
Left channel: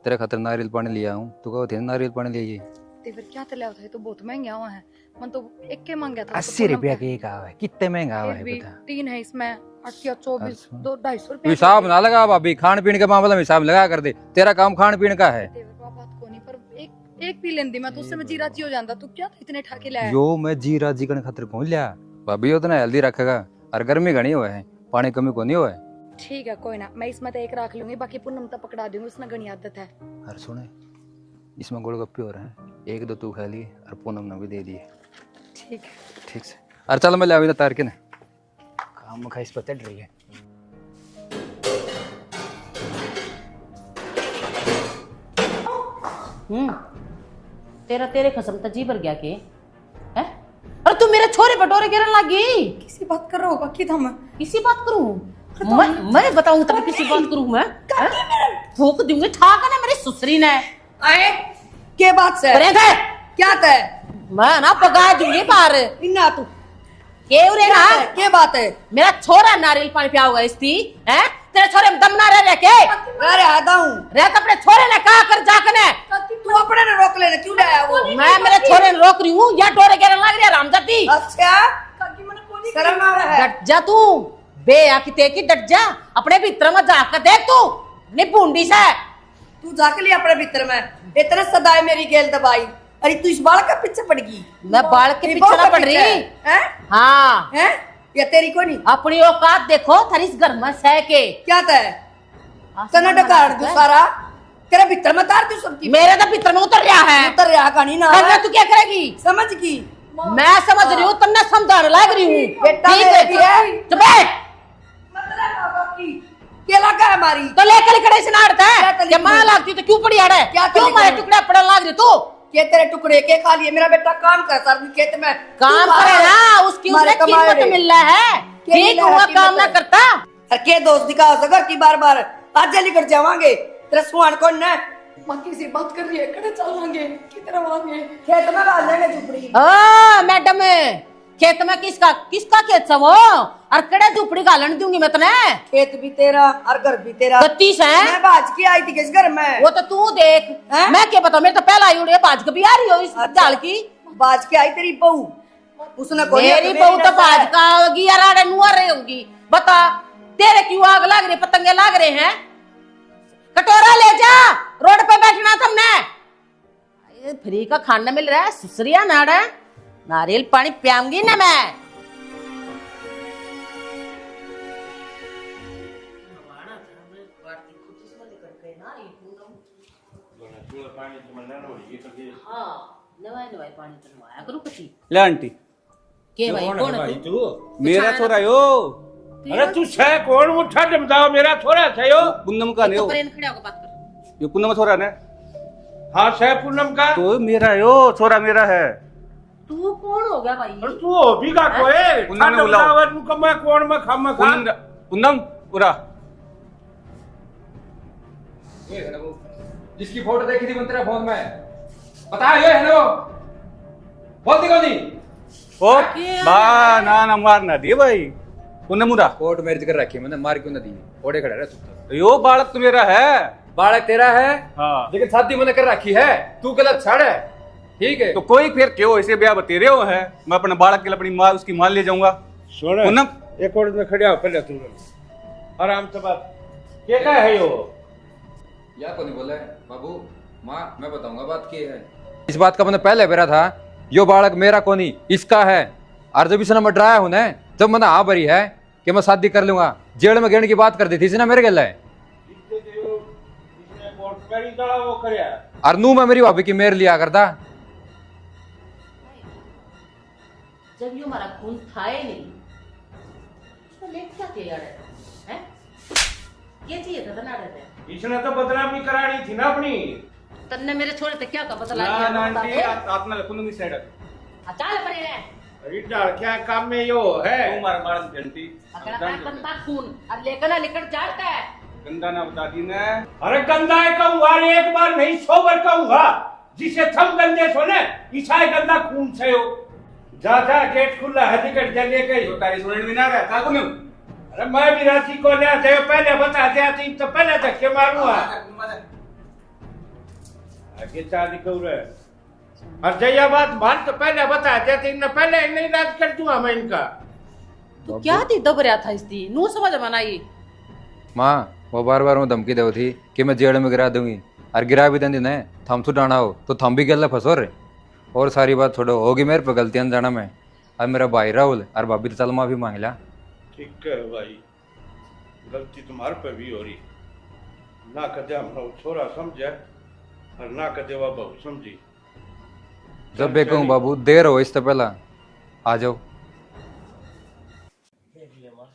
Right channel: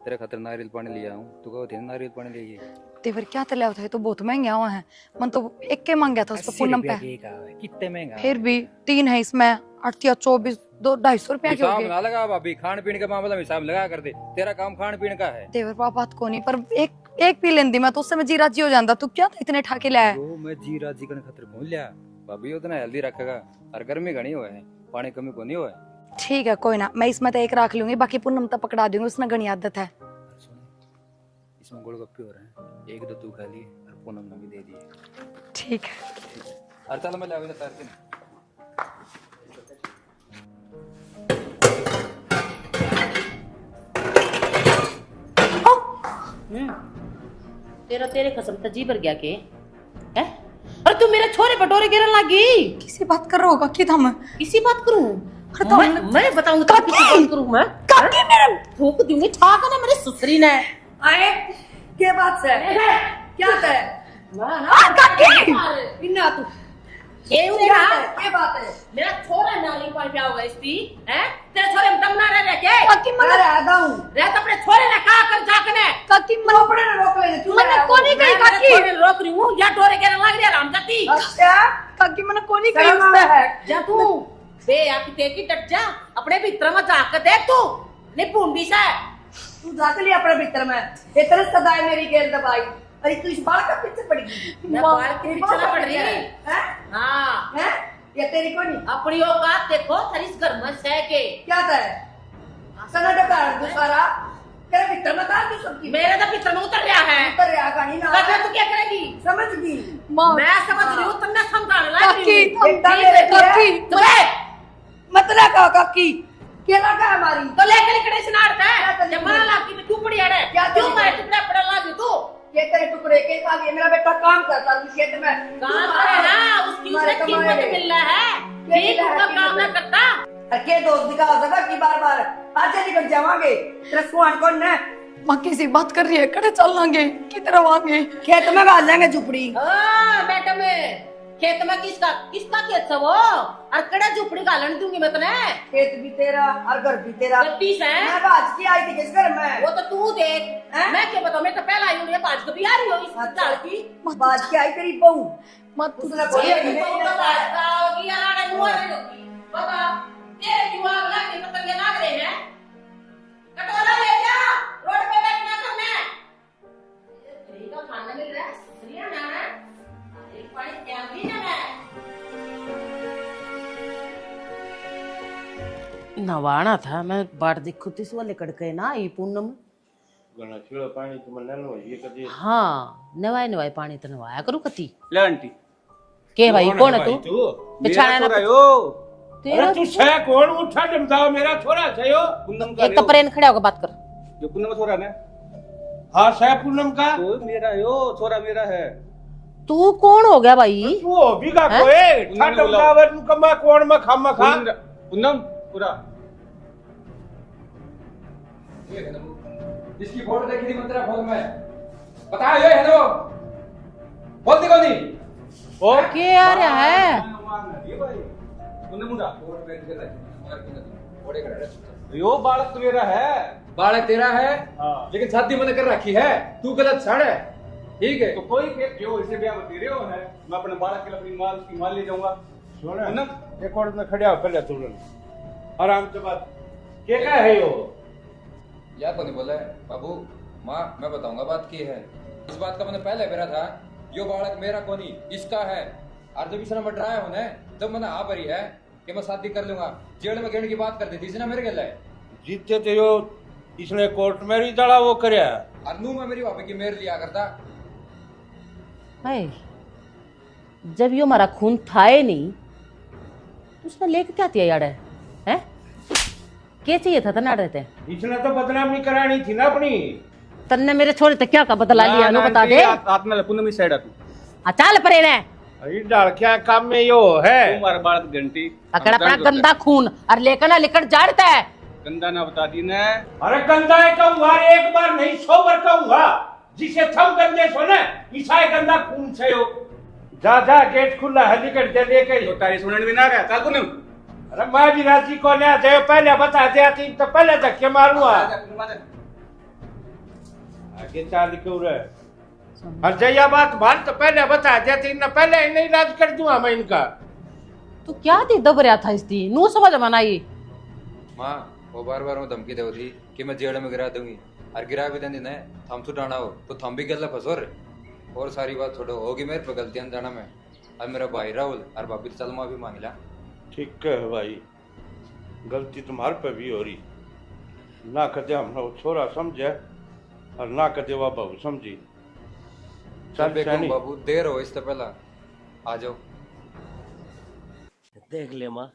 तेरे खातर नारियल पानी लिया हूँ। तू कहो थे नारियल पानी ले ये देवर क्या तले होता है, तो बहुत महंगे हुआ है, मन तो एक के मांग गया था उसको 80 पूनम रुपया पे। की का है, कितने महंगा फिर है भी बता। 3 है इसमें, 8 या 24, 200-250 रुपया। हिसाब ना लगा भाभी, खान पीने के मामले में हिसाब लगा कर दे, तेरा काम खान पीने का है। देवर पापा बात को नहीं, पर एक पी लेंदी मैं तो उससे मैं जी राजी हो जाता। तू क्या इतने ठाके लाया? जो मैं जी राजी करने खातिर कौन लिया भाभी, उतना हेल्दी रखेगा और गर्मी घनी हुआ है, पानी कमी को नहीं हुआ है। ठीक है कोई ना, मैं इसमें तो एक रख लूंगी, बाकी पूनम तो पकड़ा दूंगी, उसने घनी आदत है। अरे सुने इसमें गोलगप्पे हो रहे हैं, 1-2 तू खा लिए और पूनम ने भी दे दिए। ठीक है। ठीक से अरे चल मैं ले अभी तार के ना काम में खाइस पता डर गया। तेरे खसम तो जी भर गया के है? अरे तू मेरे छोरे बटोरे गिरन लगी। किसी बात कर रहा होगा कि थम किसी बात करूं? मैं बताऊं तो किसी बात करूं मैं? फूक दूंगी ठाक ना मेरी सुसरी ने। आए के बात से अरे घर क्या है? मैं ना पगा देंगे बाहर। बिना तू ये उरेगा के बात है? मेरा छोरा नारियल पानी पिया होगा इसकी हैं? तेरे छोरे में दम ना रह के अरे आदा हूं रे अपने छोरे ने कहा कर जाकने काकी अपने ने रोक लेने क्यों लाया वो? मैं मेरे छोरे ने रोक रही हूं या डोरे गिरन लग रही रामजाती। अच्छा काकी मैंने कोनी शर्म आता है? डट जा तू बे आकी ते की डट जा अपने भीतर में झांक के देख तू निपुंडी से। तू जाके लिया अपने भीतर में इतने सदाए मेरी गेल दबाई। अरे तू इस बाल का पीछे पड़ गई। मैं बाल के पीछे ना पड़ रही हैं हाँ हैं या तेरी को नहीं? अपनी औकात देखो थारी इस घर में सह के क्या था कनाडा काट दू सारा तेरे भीतर में तार दू सबकी। मेरे तो भीतर में उतर रहा है उतर रहा कहानी ना करना तू क्या करेगी? समझ गई मैं समझ रही हूँ तुमने समझाने लग रही हूँ। बेटा ठीक मेरे है, भी है। चुप है। मतलब का काकी केला का हमारी तो लेकर कड़े से नाड़ता क्या है तली ये मां लागती तो क्यों पड़ी अड़े? क्या क्यों तली मारे करी? टुकड़ा पड़न लाग रही तू? के तेरे टुकड़े के खा लिए? मेरा बेटा काम करता है खेत में काम करे ना उसकी उसने कीमत मिल रहा है। ठीक हुआ काम ना करता। अरे के दोस्त दिखा सका कि बार बार आज लेकर जावांगे तेरा सुहान कौन है? माँ किसी बात कर रही है, कड़े चल लांगे की तरह आगे खेत में गाल लेंगे झुपड़ी। मैडम खेत में किसका खेत है वो? और कड़े झुपड़ी गालन दूंगी मैं तने। खेत भी तेरा और घर भी तेरा। 32 है मैं बाज की आई थी किस घर में? वो तो तू देख हैं? मैं क्या बताऊं, मेरे तो पहला आई उड़े बाज कभी आ रही हो इस दाल की। बाज की आई तेरी बहू उसने तेरी बहू तो बाज का होगी यार आड़े नुआ रही होगी। बता तेरे क्यों आग लग रही, पतंगे लग रहे हैं? कटोरा ले जा, रोड पे बैठना तुमने। फ्री का खाना मिल रहा है सुसरिया नाड़ा। नारियल पानी पियाऊंगी ना मैं। नवाना था मैं बाट देखो इस वाले कड़के ना ये पूनम पानी तो लो ये कर दे। हाँ नवाए नवाए पानी तो नवाया करू कती ले आंटी के भाई कौन कौन है है भाई तू तू? मेरा छाना छोरा यो अरे तू है कौन? वो छठ बताओ, मेरा छोरा है यो। पूनम का एक नहीं कपड़े खड़ा होकर बात कर। यो पूनम का छोरा ने हाँ है पूनम का। तो मेरा यो छोरा मेरा है। तू कौन हो गया भाई? तू हो भी का हैं? कोई पूनम छठ ने बुलाओ। बताओ तू कमा कौन में खामा खा। पूनम पूरा जिसकी फोटो देखी थी मंत्रा फोन में बता ये है नो बोलती कौन थी? ओ क्या बा है? ना ना मारना दी भाई पूनम मुरा कोर्ट मैरिज कर रखी है मैंने मार क्यों ना दी घोड़े खड़े रहे यो बालक तो मेरा है। बालक तेरा है हाँ लेकिन शादी मैंने कर रखी है तू गलत छड़ है ठीक है तो कोई फिर क्यों ऐसे ब्याह बतेरे हो है? मैं अपने बालक के लिए अपनी माँ उसकी मान ले जाऊंगा। सुन पूनम एक और में खड़े हो पहले तू आराम से बात के का है यो? या को नहीं बोला है बाबू माँ मैं बताऊंगा बात की है इस बात का मैंने पहले बेरा था यो बालक मेरा को नहीं इसका है और जब इसने मैं डराया हूं ना जब मैंने हाँ भरी है कि मैं शादी कर लूंगा जेल में गिरने की बात कर दी थी इसने मेरे गले जीते तो यो इसने कोर्ट में ही दड़ा वो करया। और नू मैं मेरी भाभी की मेर लिया करता हाय जब यो हमारा खून था ही नहीं तो उसने लेके क्या दिया यार हैं? क्या चाहिए था ना रहते इसने तो बदनामी करानी थी ना अपनी। तन्ने मेरे छोरे ते क्या का बदला लिया लो बता दे। आत्मा पूनम इस साइड आ चल परे ने अरे डाल क्या काम में यो है? तुम्हारा बालक घंटी अकड़ अपना गंदा खून और लेकर ना लेकर जाड़ता है। गंदा ना बता दी ने। अरे गंदा है कहूंगा, एक बार नहीं 100 बार कहूंगा। जिसे थम गंदे सो ने ईसाई गंदा खून से हो। जा जा गेट खुला है टिकट दे लेके। तो तारी सुनने भी ना गया का को नहीं। अरे मैं भी राजी को ले जाए पहले बता दिया थी तो पहले तक के मारूंगा। आगे शादी क्यों रहे? और जया बात मान तो पहले बता दिया थी ना, पहले नहीं इलाज कर दूंगा मैं इनका। तू क्या दे दब रहा था इसकी नू समझ मना ये माँ वो बार बार मैं धमकी दे थी कि मैं जेल में गिरा दूंगी और गिरा भी देंगे न थम तो डाना हो तो थम भी गल फंसो रे और सारी बात छोड़ो होगी मेरे पे गलतियां जाना मैं अब मेरा भाई राहुल और भाभी तो चल माफी मांग लिया ठीक है भाई, गलती तुम्हारे पे भी हो रही। ना कदे हम छोरा समझे और ना कदे वह बहू समझी। सब कहूँ बाबू देर हो इससे पहला आ जाओ देख ले माँ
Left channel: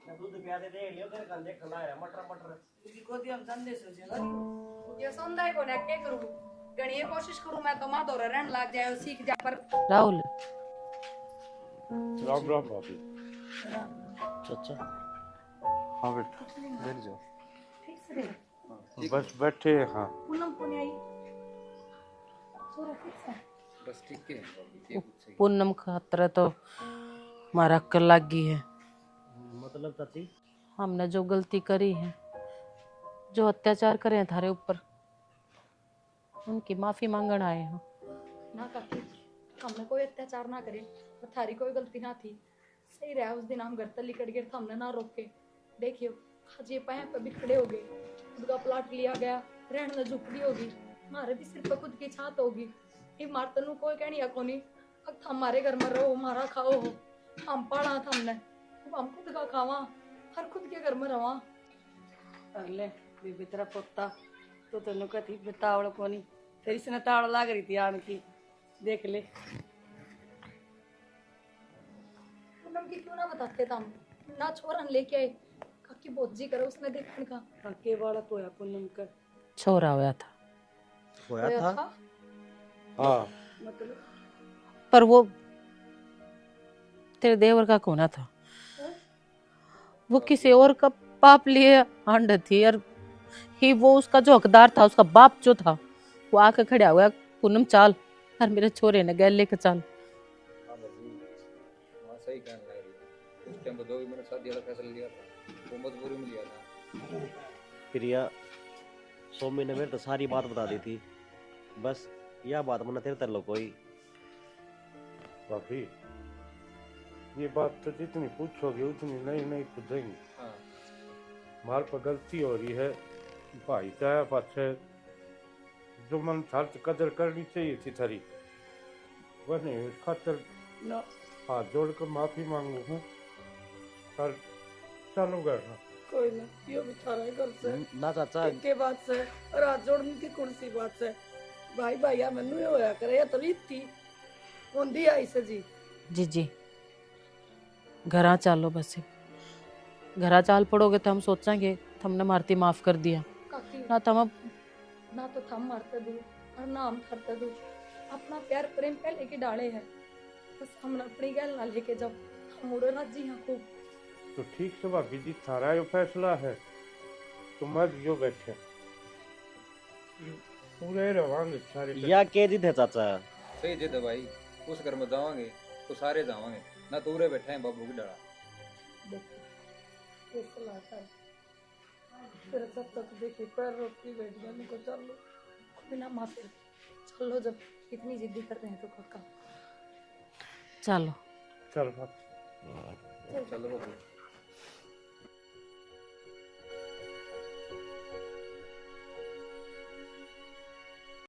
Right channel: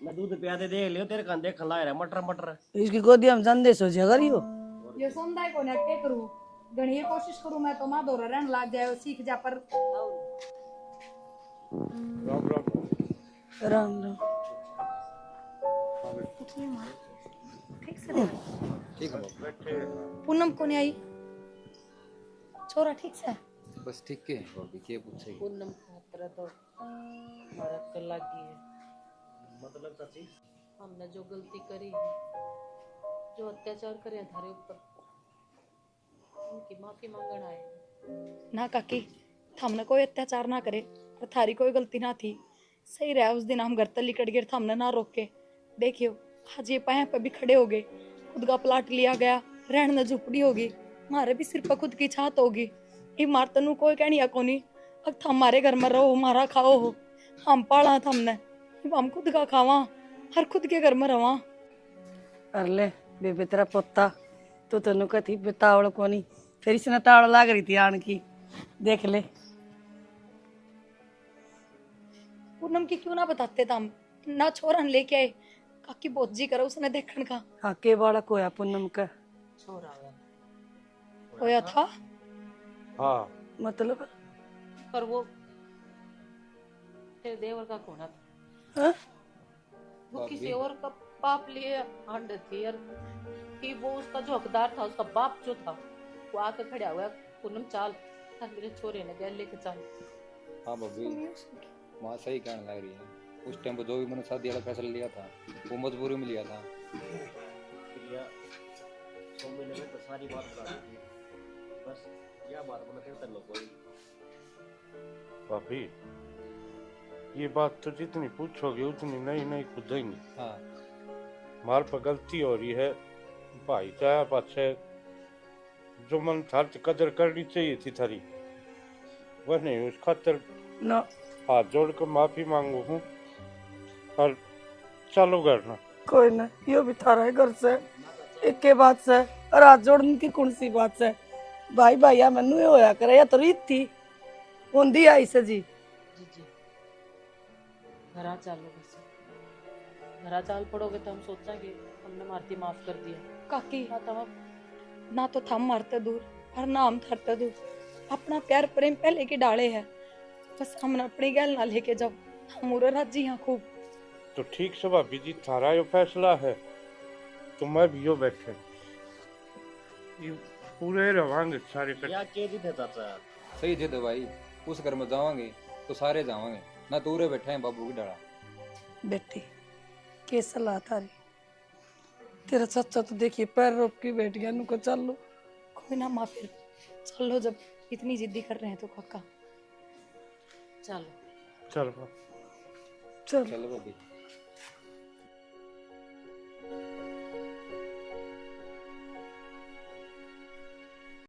मैं दूध पियाते देख लियो तेरे कान देख ला रहा मटर मटर इसकी गोदी हम संदेश सोचे अगर यो ये संदाय को ने के करू घणी ये कोशिश करू मैं तो मां दोरा रहन लाग जाए सीख जा पर राहुल राम राम राम राम अच्छा हाँ बेटा बैठ जाओ। ठीक से देख बस बैठे हैं। हाँ पूनम को नहीं आई छोरा ठीक से बस ठीक है पूनम खातर तो हमारा अक्ल लग गई है। मतलब चाची हमने जो गलती करी है जो अत्याचार करे हैं थारे ऊपर उनकी माफी मांगण आए हैं। ना काकी हमने कोई अत्याचार ना करे और थारी कोई गलती ना थी सही रहा उस दिन हम घर तक लिकट गए हमने ना रोके देखियो आज ये पाया पे भी खड़े हो गए खुद का प्लाट लिया गया रहने में झुपड़ी होगी हमारे भी सिर पर खुद की छात होगी ये मार तनु कोई कहनी कोनी अब थम हमारे घर में रहो हमारा खाओ हो हम पाला हमने अब हम खुद का खावा हर खुद के घर में रवा अरले बेबे तेरा पोता तो तेन कथी बेतावड़ कोनी फिर इसने ताड़ लाग रही थी आन की देख ले पूनम की क्यों ना बताते हम ना छोरन लेके आए काकी बहुत जी करो उसने देखने का हाँ के बालक होया पूनम का छोरा होया था होया था हाँ मतलब पर वो तेरे देवर का कोना था। हाँ? वो किसी और का पाप लिए आंड थी और ही वो उसका जो हकदार था उसका बाप जो था वो आके खड़ा हुआ पूनम चाल और मेरे छोरे ने गैल लेके चाल। हाँ भाभी माँ सही कहने लग रही है उस टाइम पे जो भी मैंने शादी वाला फैसला लिया था वो मजबूरी में लिया था प्रिया सोमी ने मेरे तो सारी बात बता दी थी बस यह बात मैंने तेरे तरलो कोई भाभी ये बात तो जितनी पूछोगे उतनी नहीं नहीं खुदेंगी। हाँ मार पर गलती हो रही है भाई का पाछे जो मन थार तो कदर करनी चाहिए थी थारी वह नहीं उस खातर ना हाथ जोड़ कर माफी मांगू हूँ और चलो घर ना। कोई ना यो भी थारा है घर से ना चाचा एक के बात से और हाथ जोड़ने की कौन सी बात से भाई भाई मैनू ये होया करे या तो रीति होंदी आई से जी जी घरा चलो बस घरा चाल पड़ोगे तो हम सोचेंगे हमने मारती माफ कर दिया काकी ना तुम अब ना तो थम मारते दूर और ना हम थरते दूर, अपना प्यार प्रेम पहले के डाले है, बस हमने अपनी गैल ना लेके जाओ, हम उरे राजी हैं खूब। तो ठीक से भाभी जी थारा यो फैसला है तो मैं भी यो बैठे ये पूरे रवांगे सारे या के जिद है चाचा? सही जिद है भाई, उस घर में जावांगे तो सारे जावांगे, ना दूरे बैठे हैं बाबू की डाला। बेटी के सलाह थारी, तेरा चाचा तो देखिए पैर रोक के बैठ गया, नुको चलो कोई ना माँ, फिर चलो जब इतनी जिद्दी कर रहे हैं तो काका चलो चल चलो चलो बाबू।